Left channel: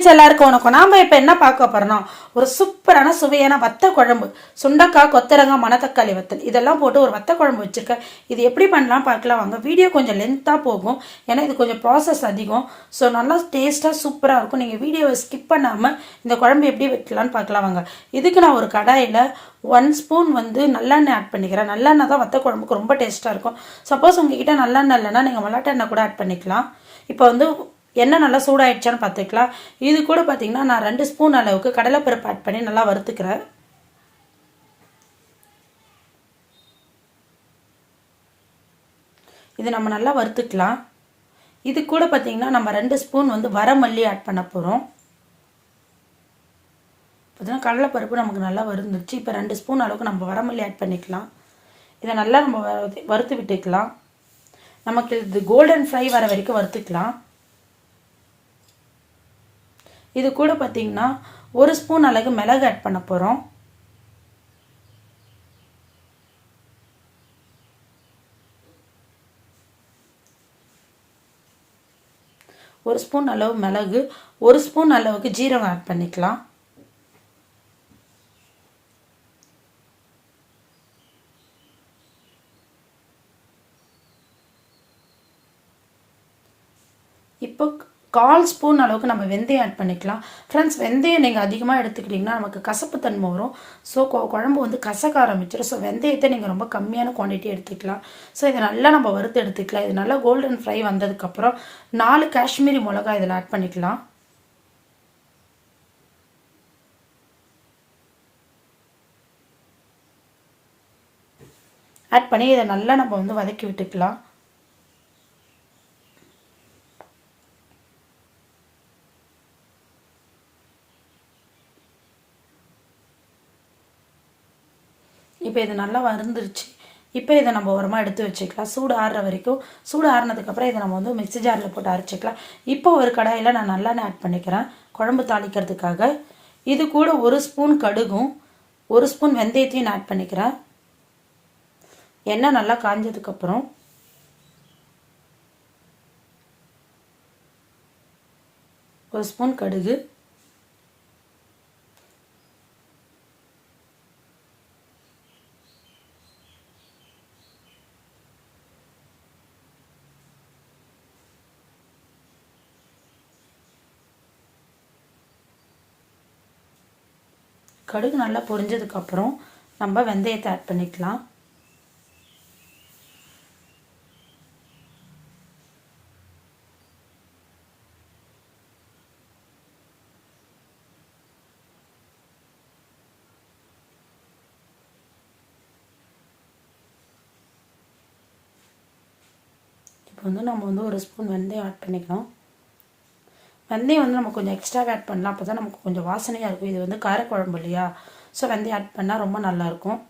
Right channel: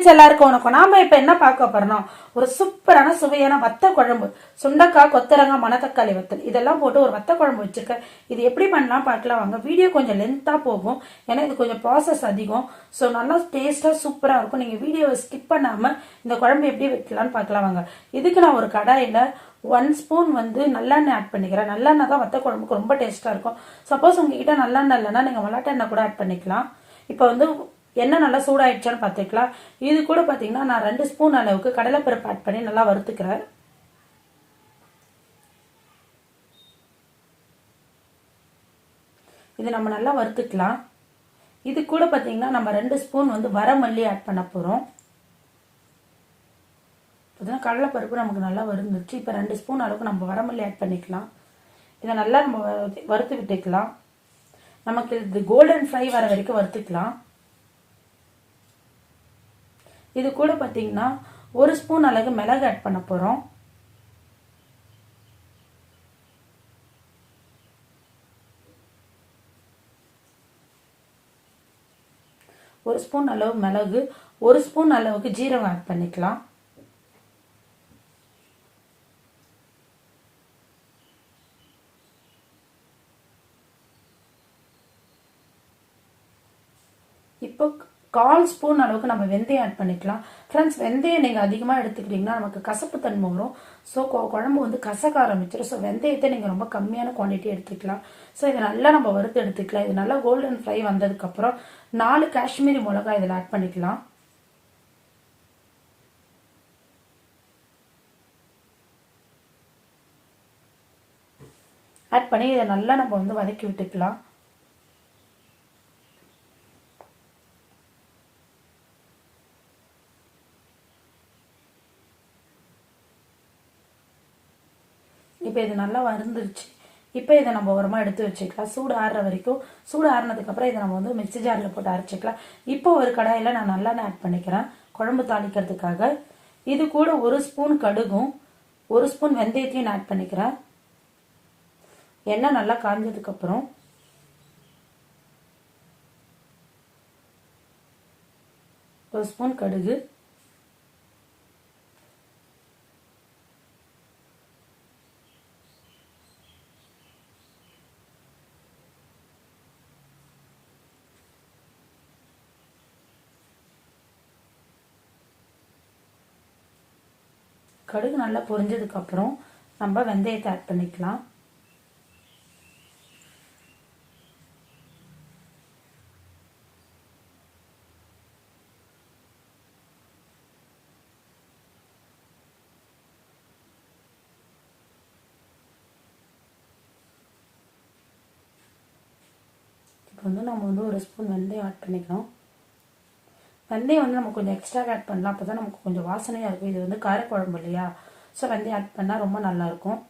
எல்லாருக்கும் வணக்கம். நாம இப்ப என்ன பார்க்க போறோம்னா ஒரு சூப்பரான சுவையான வத்த குழம்பு, சுண்டக்காய், கொத்தரங்காய், மணத்தக்காளி வத்தல் இதெல்லாம் போட்டு ஒரு வத்த குழம்பு வச்சிருக்கேன். இது எப்படி பண்ணலாம் பார்க்கலாம் வாங்க. வீடியோ கொஞ்சம் லென்த்தா போகும், ஏன்னா இது கொஞ்சம் ப்ராசஸ் அதிகம். ஸோ நல்லா டேஸ்டா சூப்பரா இருக்கும். நீங்க வீடியோவை ஸ்கிப் பண்ணாம இந்த குழம்பு எப்படி வைக்கலாம்னு பார்க்கலாம் வாங்க. இதுக்கு நான் ஒரு கடாயில 1 ஸ்பூன் நல்லெண்ணெய் ஆட் பண்ணிக்கிறேன். நல்லெண்ணெய் தான் வத்த குழம்புக்கு ரொம்ப டேஸ்டா இருக்கும். சப்போஸ் உங்ககிட்ட நல்லெண்ணெய் இல்லைன்னா நீங்க மல்லாட்ட எண்ணெய் கூட ஆட் பண்ணிக்கலாம். இப்போ எண்ணெய் நல்லா சூடாயிடுச்சான்னு பார்த்துக்கலாம். இது கூட பார்த்தீங்கன்னா நான் 2 ஸ்பூன் அளவுக்கு கடலைப்பருப்பு ஆட் பண்ணி நல்லா வறுத்துக்கிறேன். இது நம்ம நல்லா வறுத்துக்கலாம். இது கூட பார்த்தீங்கன்னா நம்ம 2 ஸ்பூன் வரமல்லி ஆட் பண்ண போகிறோம். பார்த்தீங்கன்னா கடலைப்பருப்பு நமக்கு நல்லா வறுந்துருச்சு. இப்போ 2 ஸ்பூன் அளவுக்கு நம்ம வரமல்லி ஆட் பண்ணிக்கலாம். இதை நல்லா நம்ம வறுத்து விட்டுக்கலாம். நமக்கு இது கோல்டன் ஃப்ரை வர வரைக்கும் வறுத்துக்கலாம். இது கூட பார்த்தீங்கன்னா 1 ஸ்பூன் அளவு மிளகு ஆட் பண்ண போகிறோம். ஒரு ஸ்பூன் அளவு மிளகு, 1 ஸ்பூன் அளவுக்கு ஜீரகம் ஆட் பண்ணிக்கலாம். இப்போ 1/4 ஸ்பூன் அளவுக்கு நம்ம வெந்தயம் ஆட் பண்ணிக்கலாம். ஃப்ரெண்ட்ஸ், வெந்தயம் நீங்கள் அதிகமாக எடுத்துக்கிட்டிங்கன்னா நமக்கு கசப்பு தன்மை வரும். ஸோ குழம்பு கசக்க ஆரம்பிச்சிடும். ஸோ வெந்தயத்தை நீங்கள் ரொம்ப கம்மியான குவான்டிட்டி எடுத்துக்கலாம். ஸோ இதை நல்லா நம்ம வறுத்து எடுத்துக்கலாம். இது நல்லா கோல்டன் ஃப்ரை வந்ததுக்கப்புறம் 4 காஷ்மீரி மிளகாய் இதில் ஆட் பண்ணிக்கலாம். ஆட் பண்ணி இதை நல்லா நம்ம வதக்கி விட்டுக்கலாம். இப்போ இது நல்லா வறுந்துருச்சு. இப்போ இதை நம்ம ஓரமாக எடுத்து வச்சுக்கலாம். சூடு ஆறுற வரைக்கும். சூடு ஆறுனதுக்கப்புறம் இதை நம்ம மிக்ஸி ஜாரில் போட்டு அரைச்சிக்கலாம். இப்போ ஒரு கடாயில் நான் நல்லெண்ணெய் ஆட் பண்ணிக்கிறேன் குழம்பு தாளிக்கிறதுக்காக. இது கூட 1 ஸ்பூன் கடுகும் 1 ஸ்பூன் வெந்தயத்தையும் நான் ஆட் பண்ணிக்கிறேன். எண்ணெய் நல்லா காஞ்சதுக்கப்புறம் ஒரு ஸ்பூன் கடுகு, கடுகு நல்லா பொரிஞ்சதுக்கப்புறம் நம்ம வெந்தயத்தை ஆட் பண்ணிக்கலாம். இப்போ நம்ம 1 ஸ்பூன் வெந்தயம் ஆட் பண்ணிக்கலாம். வெந்தயம் நம்ம கொஞ்சம் எக்ஸ்ட்ரா ஆட் பண்ணலாம். அப்போ தான் நமக்கு கொஞ்சம் வாசனையாக இருக்கும். இது காரக்குழம்பு இல்லையா, ஸோ வெந்தயம் ஆட் பண்ணால் ரொம்ப நல்லாயிருக்கும்.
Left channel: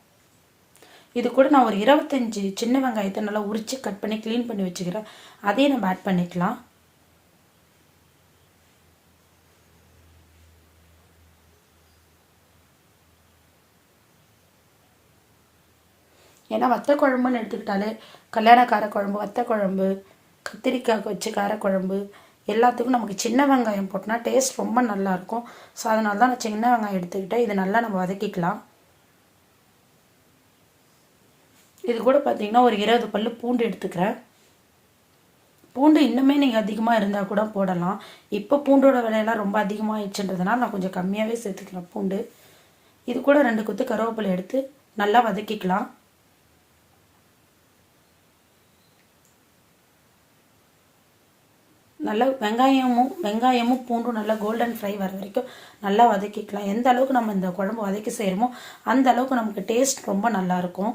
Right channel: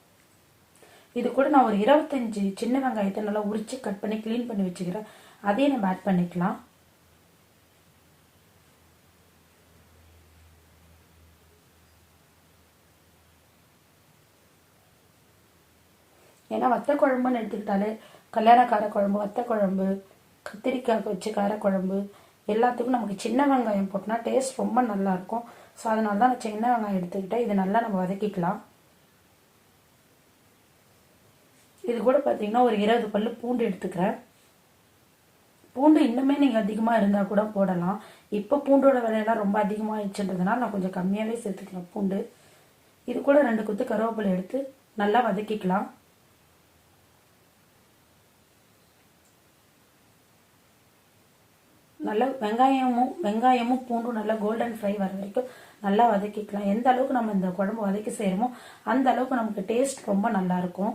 இது கூட நான் ஒரு 25 சின்ன வெங்காயத்தை நல்லா உரித்து கட் பண்ணி க்ளீன் பண்ணி வச்சுக்கிறேன். அதையும் நம்ம ஆட் பண்ணிக்கலாம். ஏன்னா வத்த குழம்புன்னு எடுத்துக்கிட்டாலே கல்யாண காரக்குழம்பு, வத்த குழம்பு, கத்திரிக்காய் வச்சு காரக்குழம்பு எல்லாத்துக்கும் நமக்கு சின்ன வெங்காயம் போட்டோன்னா டேஸ்ட் ரொம்ப நல்லாயிருக்கும். ஸோ அதனால தான் நான் சின்ன வெங்காயம் எடுத்துக்கிட்டேன். இதை நல்லா நம்ம வதக்கிக்கலாம். இது கூட பார்த்தீங்கன்னா ஒரு 20 பல்லு பூண்டு எடுத்துக்கிறேன். பூண்டு இன்னுமே நீங்கள் அதிகமாக இருந்தால் கூட போடலாம். இப்போ பூண்டோட விலையெல்லாம் ரொம்ப அதிகமாகிடுச்சுன்றதுனால நான் கொஞ்சம் கம்மியாகவே சேர்த்துக்கிறேன் பூண்டு. இது கூட 2 கொத்து கருவேப்பிலை எடுத்து நல்லா வதக்கிக்கலாம். நல்லா வெங்காயமும் பூண்டும் நல்லா கோல்டன் ஃப்ரை வர வரைக்கும் நல்லா வதக்கிக்கலாம். எந்த அளவுக்கு நம்ம இந்த குழம்பு வதக்கி செய்கிறோமோ அந்த அளவுக்கு நமக்கு டேஸ்ட் ரொம்ப நல்லா இருக்கும்.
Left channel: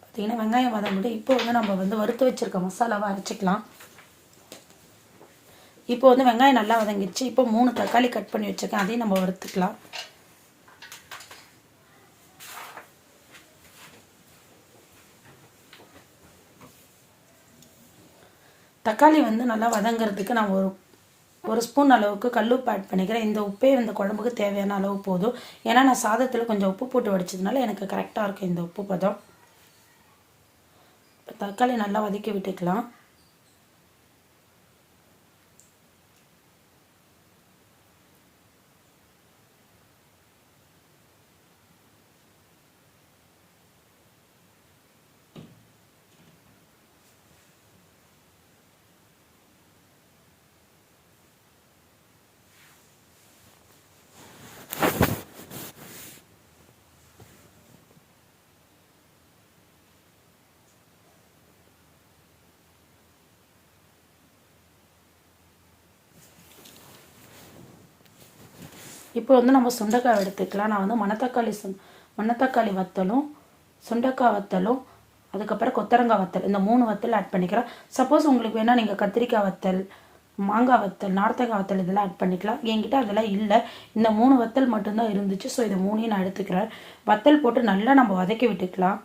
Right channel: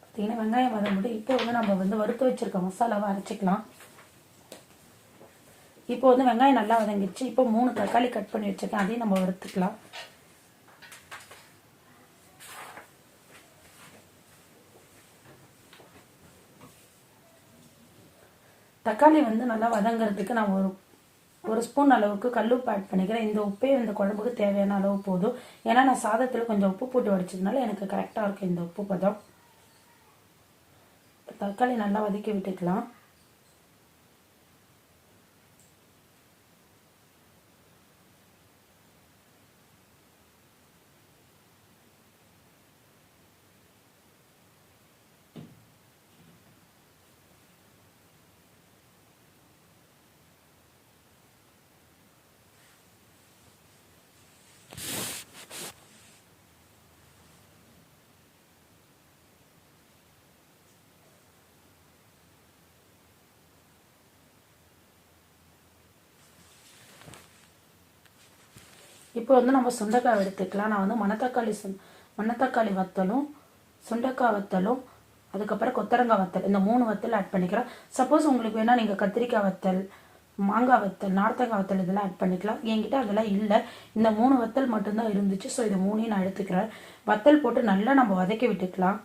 பார்த்தீங்கன்னா வெங்காயம் வதங்கிட்டு இப்போ நம்ம வறுத்து வச்சிருக்க மசாலாவை அரைச்சிக்கலாம். இப்போ வெங்காயம் நல்லா வதங்கிடுச்சு. இப்போ 3 தக்காளி கட் பண்ணி வச்சிருக்கேன், அதையும் நம்ம வறுத்துக்கலாம். தக்காளி நல்லா வதங்கிறதுக்கு நான் ஒரு ஸ்பூன் அளவுக்கு கல்லுப்பு ஆட் பண்ணிக்கிறேன். இந்த உப்பே இந்த குழம்புக்கு தேவையான அளவு போதும். ஏன்னா நான் சாதத்தில் கொஞ்சம் உப்பு போட்டு வடிச்சதுனால எனக்கு கரெக்டாக இருக்கும் இந்த உப்பு பதம். தக்காளி நல்லா வதக்கி விட்டுக்கலாம். இப்போ வந்து நம்ம சுண்டைக்காய் எடுத்துக்கலாம். நான் வந்து மணத்தக்காளி வத்தலும் சுண்டைக்காய் வத்தலும் அதுக்கப்புறம் கொத்தரங்காய் வத்தல் இந்த 3 வத்தல் ஆட் பண்ணிக்கிறேன். சப்போஸ் உங்களுக்கு வேணால் நீங்கள் கத்திரிக்காய் வத்தல், மாங்காய் வத்தல், நார்த்தங்காய் வத்தல் இதெல்லாம் ஆட் பண்ணிக்கலாம். என்கிட்ட அதெல்லாம் இல்லை, இந்த 3 வத்தல் மட்டும்தான் இருந்துச்சு. ஸோ இது 3ஐயும் நான் எடுத்துக்கிறேன். வத்தல் போட்டு நல்லா நம்ம வதக்கி விட்டுக்கலாம்.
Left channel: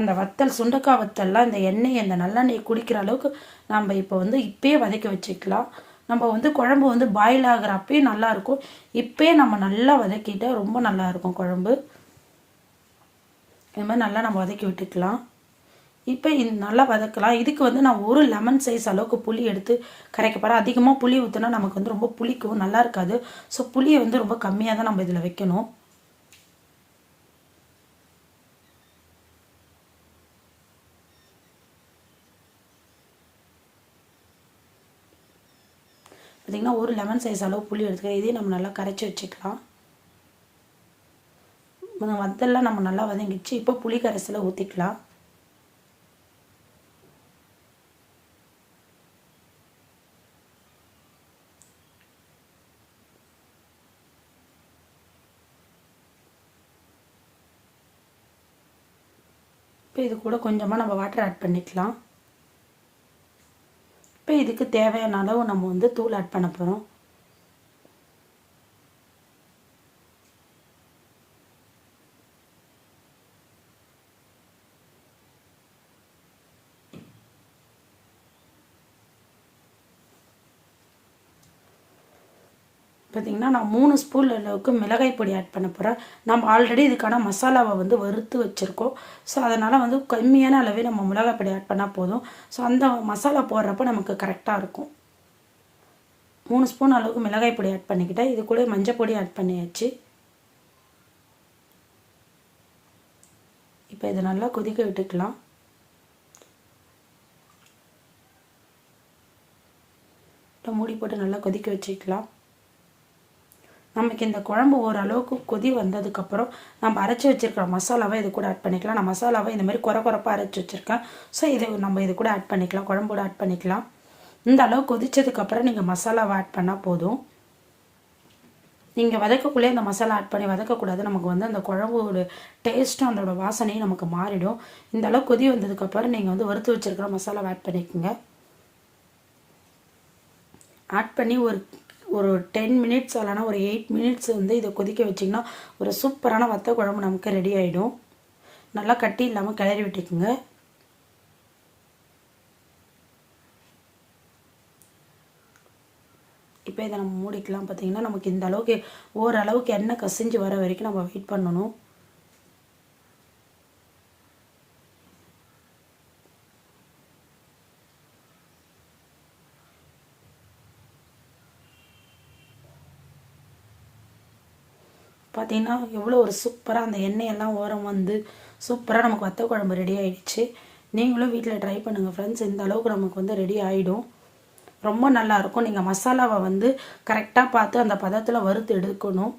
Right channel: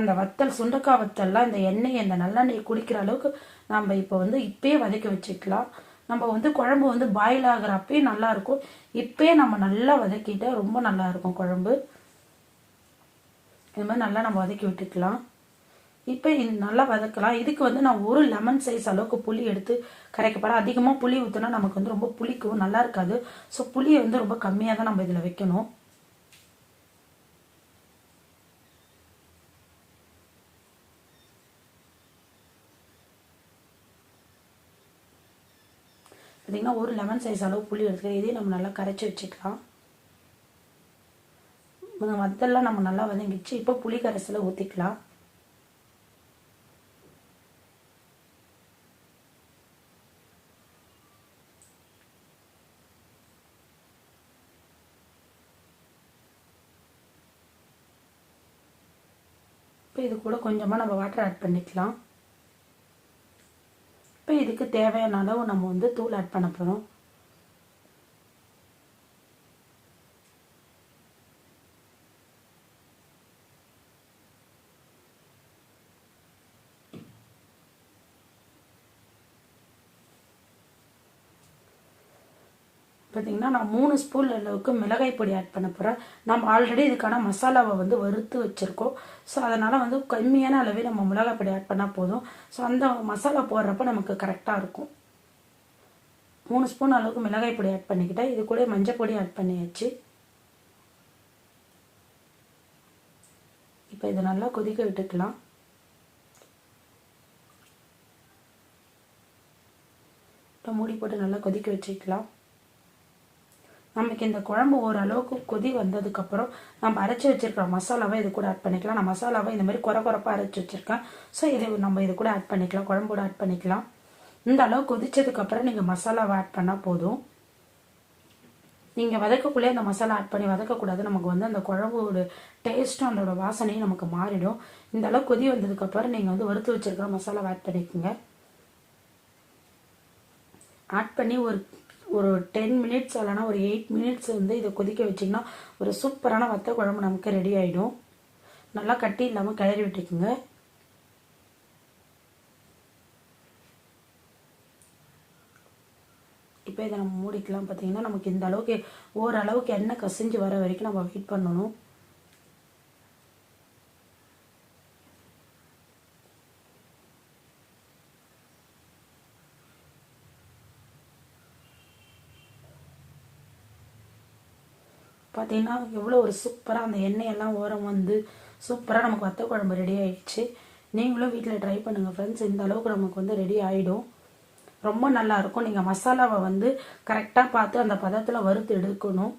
அந்த வத்தல் சுண்டைக்காய் வத்தல்லாம் இந்த எண்ணெய் இந்த நல்லெண்ணெய் குடிக்கிற அளவுக்கு நம்ம இப்போ வந்து இப்பயே வதக்கி வச்சுக்கலாம். நம்ம வந்து குழம்பு வந்து பாயில் ஆகிறப்பே நல்லாயிருக்கும். இப்பயே நம்ம நல்லா வதக்கிட்டா ரொம்ப நல்லா இருக்கும் குழம்பு. இது மாதிரி நல்லா நம்ம வதக்கி விட்டுக்கலாம். இப்போ நல்லா வதக்கலாம். இதுக்கு வந்து நான் ஒரு லெமன் சைஸ் அளவுக்கு புளி எடுத்து கரைக்க போகிறேன். அதிகமாக புளி ஊற்றினா நமக்கு வந்து ரொம்ப புளிக்கும், நல்லா இருக்காது. ஸோ புளியை வந்து ரொம்ப கம்மியாக தான் நம்ம இதில் வைக்கணும். பார்த்திங்கன்னா ஒரு லெமன் சைஸ் அளவு புளி எடுத்துக்கிறேன். இதையும் நம்ம நல்லா கரைச்சி வச்சுக்கலாம். வத்தெல்லாம் நம்ம நல்லா வதங்கிச்சு. இப்போ புளி கரைசலை ஊற்றிக்கலாம். இப்போ இது கூட கொஞ்சமாக நம்ம வாட்டர் ஆட் பண்ணிக்கலாம். இப்போ இதுக்கு தேவையான அளவு நம்ம வந்து தூள் ஆட் பண்ண போகிறோம். பார்த்திங்கன்னா நான் 3 ஸ்பூன் அளவுக்கு மிளகாய் பொடி ஆட் பண்ண போகிறேன். நம்ம ஆல்ரெடி இதுக்கான மசாலாவை வந்து வறுத்து வச்சுருக்கோம். ஸோ அதனால் வந்து கம்மியான அளவே நம்ம மிளகாய் பொடி ஆட் பண்ணால் போதும். ஸோ அந்த மசாலா போடுறப்ப நமக்கு கரெக்டாக இருக்கும். 3 ஸ்பூன் அளவுக்கு மிளகாய் பொடி ஆட் பண்ணிக்கிட்டேன். இது கூட மஞ்சள் பொடி ஆட் பண்ணியாச்சு. இப்போ இதை நல்லா கொதிக்க விட்டுக்கலாம். இப்போ மூடி போட்டு நல்லா கொதிக்க வச்சுக்கலாம். நமக்கு இந்த குழம்பு ஓரளவுக்கு கொதி வந்ததுக்கப்புறம் நம்ம அரைச்சி வச்சுருக்கிற மசாலாவை இது கூட ஆட் பண்ணிக்கலாம். நான் மசாலாவை இந்த மாதிரி குறைப்பாக அரைச்சி வச்சுருக்கேன். ஸோ இதை நம்ம இது கூட ஆட் பண்ணிக்கலாம், குழம்போட ஆட் பண்ணிக்கலாம். இந்த அளவு கொதிச்சதுக்கப்புறம் நீங்கள் மசாலாவை ஆட் பண்ணால் போதும். நீங்கள் வதக்கக்குள்ளே இந்த மசாலா ஆட் பண்ணி வதக்கக்கூடாது. நமக்கு வந்து அந்த குழம்போட டேஸ்ட்டும் அதோட வாசனையும் நமக்கு மாறிடும். இந்த அளவு கொதி வந்ததுக்கப்புறம் நீங்கள் வந்து வறுத்து வச்சுருக்கிற மசாலாவை ஆட் பண்ணிக்கோங்க. ஆட் பண்ணி ஒரு 10 மினிட்ஸ் இல்லைனா ஒரு 8 மினிட்ஸ் வந்து இதை கொதிக்க வச்சிங்கன்னா ஒரு சூப்பரான வத்த குழம்பு நமக்கு ரெடி ஆகிடும். நல்லா கட்டி இல்லாமல் கிளறி விட்டுக்குங்க. இப்போ இதை நம்ம மூடிக்கலாம். பார்த்தீங்கன்னா நமக்கு இந்த அளவுக்கு ஓரளவுக்கு எண்ணெய் கசிஞ்சு வர வரைக்கும் நம்ம வெயிட் பண்ணணும். பார்த்தீங்கன்னா எவ்வளோ ஒரு சூப்பராக அந்த எண்ணெயெல்லாம் ஓரம் வந்து சூப்பராக நமக்கு வத்த குழம்பு ரெடி ஆகிடுச்சு. நீங்களும் வீட்டில் ட்ரை பண்ணுங்கள் ஃப்ரெண்ட்ஸ். இந்த அளவுக்கு நமக்கு வந்து ரெடி ஆகிடும். ரொம்ப நல்லாயிருக்கும். நீங்கள் மசாலாவை வந்து கரெக்டாக பார்த்து அந்த பதத்தில் வறுத்து எடுக்கணும்.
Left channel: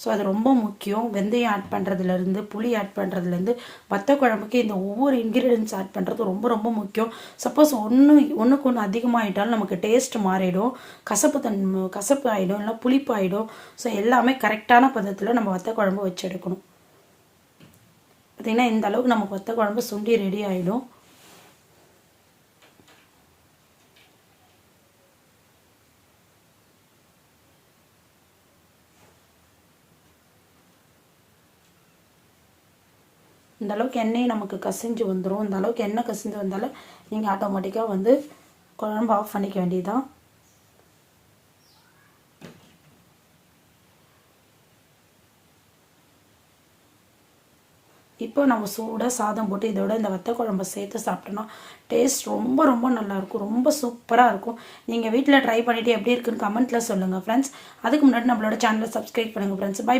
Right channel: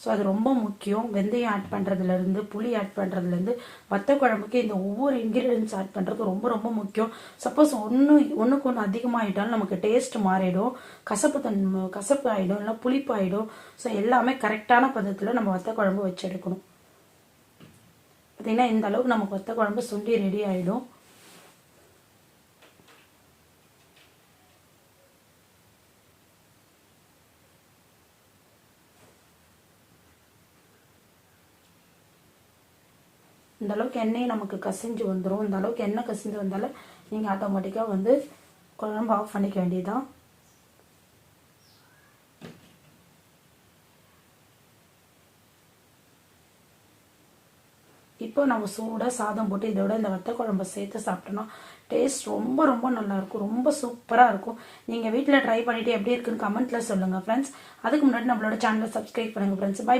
ஸோ அது ரொம்ப முக்கியம். வெந்தயம் ஆட் பண்ணுறதுலேருந்து புளி ஆட் பண்ணுறதுலேருந்து வத்த குழம்புக்கு இந்த ஒவ்வொரு இன்க்ரீடியன்ஸ் ஆட் பண்ணுறது ரொம்ப ரொம்ப முக்கியம். சப்போஸ் ஒன்றுக்கு ஒன்று அதிகமாகிட்டாலும் நமக்கு டேஸ்ட் மாறிடும், கசப்பு ஆகிடும், இல்லை புளிப்பு ஆகிடும். ஸோ எல்லாமே கரெக்டான பதத்தில் நம்ம வத்த குழம்பு வச்சு எடுக்கணும். பார்த்திங்கன்னா இந்த அளவுக்கு நமக்கு வத்த குழம்பு சுண்டி ரெடி ஆகிடும். இந்த அளவுக்கு எண்ணெய் நமக்கு கசிஞ்சு வந்துடும். இந்த அளவுக்கு எண்ணெய் கசிஞ்சு வந்தாலும் நீங்கள் ஆட்டோமேட்டிக்காக வந்து குழம்பு ஆஃப் பண்ணிக்க வேண்டியதுதான். இப்போ நம்ம சூடாக சாதம் போட்டு இதோட இந்த வத்த குழம்பு சேர்த்து சாப்பிட்டோம்னா டேஸ்ட் ரொம்ப ரொம்ப நல்லாயிருக்கும், ரொம்ப சூப்பராக இருக்கும். நீங்கள் வீட்டில் ட்ரை பண்ணிவிட்டு எப்படி இருக்குன்னு கமெண்ட்டில் சொல்லுங்கள் ஃப்ரெண்ட்ஸ். அதுக்கு முன்னாடி நம்மளோட சேனலை சப்ஸ்கிரைப் பண்ணுங்கள் ஃப்ரெண்ட்ஸ். பை.